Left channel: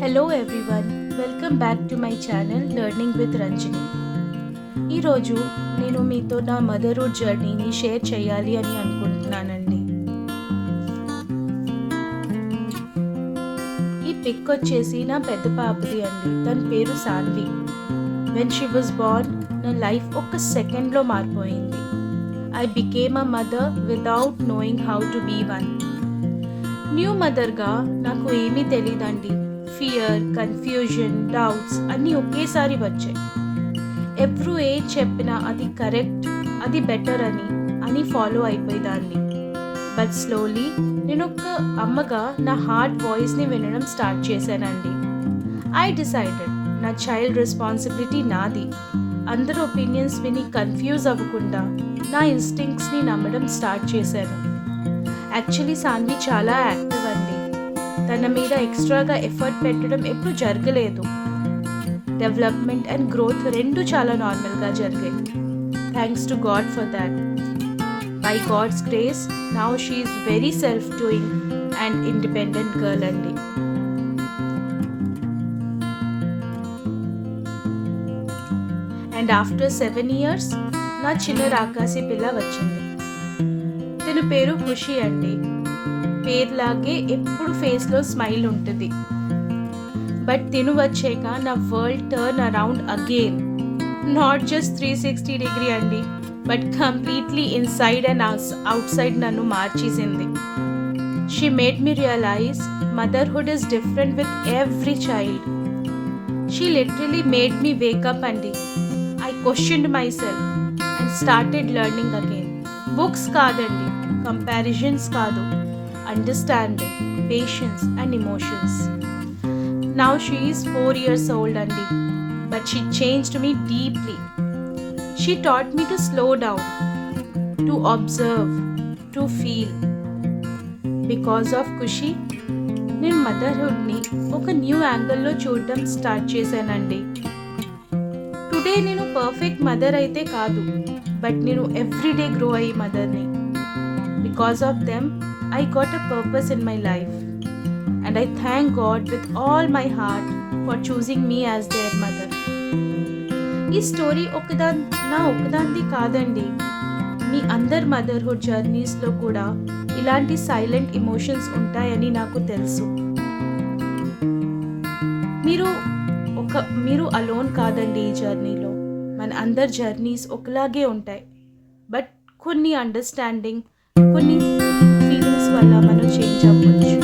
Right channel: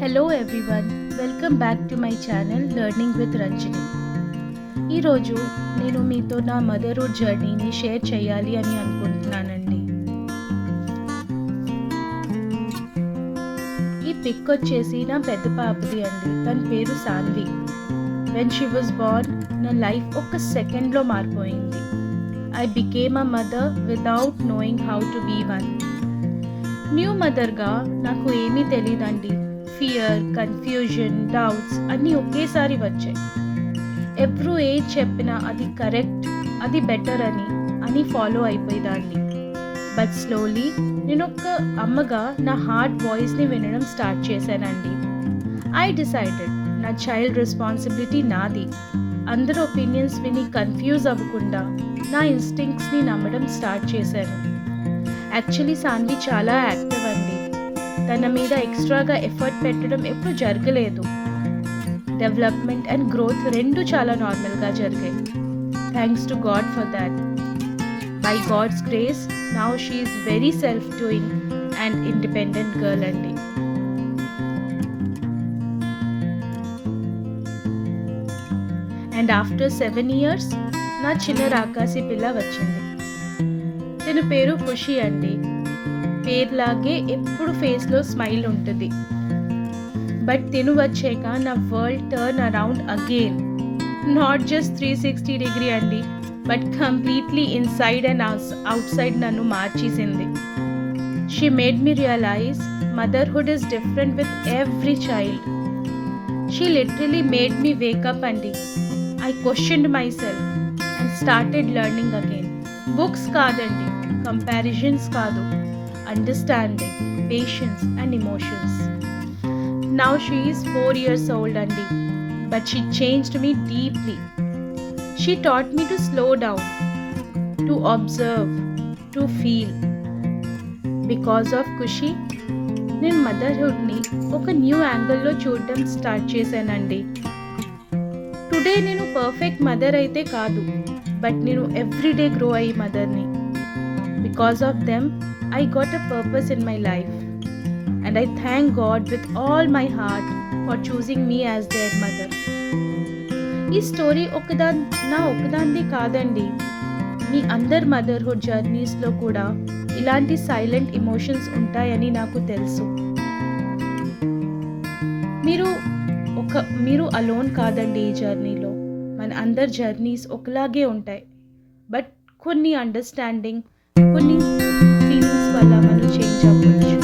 Hello everyone, welcome back to my channel learning with Ranjani. ఈరోజు నేను మీతో నా మదర్హుడ్ జర్నీని షేర్ చేయాలి అని అనుకుంటున్నానండి. ఈ పిక్ వచ్చేసి నా పెద్ద పాపది అండి. తన పేరు Sanvi. When she was born నా లైఫ్ ఒక్క సెకండ్లో మారిపోయింది. I became a mother without knowing how to be one. New మదర్గా నాకు ఏమీ తెలియదండి. ఫియర్, కన్ఫ్యూజన్, డౌట్స్ అన్నీ ఒకేసారి వచ్చాయి. ఎవరు ఏం చెప్పినా అది కరెక్ట్, అది బెటర్ అని ఫాలో అయిపోయేదాన్ని. బట్ స్లోలీ నేను ఒక అమ్మగా నా హార్ట్ వాయిస్ని వినడం స్టార్ట్ చేశానండి. ఐ డిసైడెడ్ నా చైల్డ్ రెస్పాన్సిబిలిటీ నాది. అందరి ఒపీనియన్స్ విని కన్ఫ్యూజ్ అవ్వకుండా నా ఇన్స్టింక్ట్స్ని నమ్మడం స్టార్ట్ చేశాను. యాక్చువల్లీ సాన్వి చాలా యాక్టివ్ అండి. తన మీద ఎక్స్ట్రాగా ఎఫర్ట్ పెట్టడం ఎప్పుడు జరగలేదు. డెవలప్మెంట్ అండ్ గ్రోత్ రెండు చాలా నార్మల్గా జరిగాయి. Thanks to God for that. By God's grace now she is very self doing and independent girl అండి. అండ్ ఆఫ్టర్ 7 years నా చిన్న రాకాసి పిల్ల వచ్చింది. తన పేరు ఖుషి అండి. పేరులాగే ఎప్పుడు ఫేస్లో స్మైల్ ఉంటుంది. బట్ తిను వచ్చాక నా world turn around again. Not just 360 అండి, but completely inside and outside నన్ను మార్చేసింది. She made me realize motherhood is different with every child. She literally made me wake up అండి. I questioned myself and started learning again. Books కాదండి, comparisons కాదు, understanding, patience and emotions. Now she is 4 years old andy, but she changed me deeply. She taught me to slow down, to observe, to feel. Because of Kushi, నేను మదర్హుడ్ని ఒక new యాంగిల్లో చూడడం start చేశానండి. Today నేను perfect mother అయితే కాదు, but నేను everyday grow అయ్యే మదర్ని. Because of them I got a purpose in my life, and I thank God with all my heart for choosing me as their mother. ఈ story ఒకదాంది కాదండి. మీ అందరి motherhood జర్నీస్లో కూడా ఇలాంటి సైలెంట్ ఎమోషన్స్ ఉంటాయని నాకు తెలుసు. మీరు అలోన్ కాదండి ఈ జర్నీలో. మన అందరి జర్నీస్ ఒకలాగే ఉంటాయి, బట్ కొన్ని అండర్స్టాండింగ్, కొన్ని ఫీలింగ్స్ వల్ల మనం చేంజ్ అవ్వచ్చు.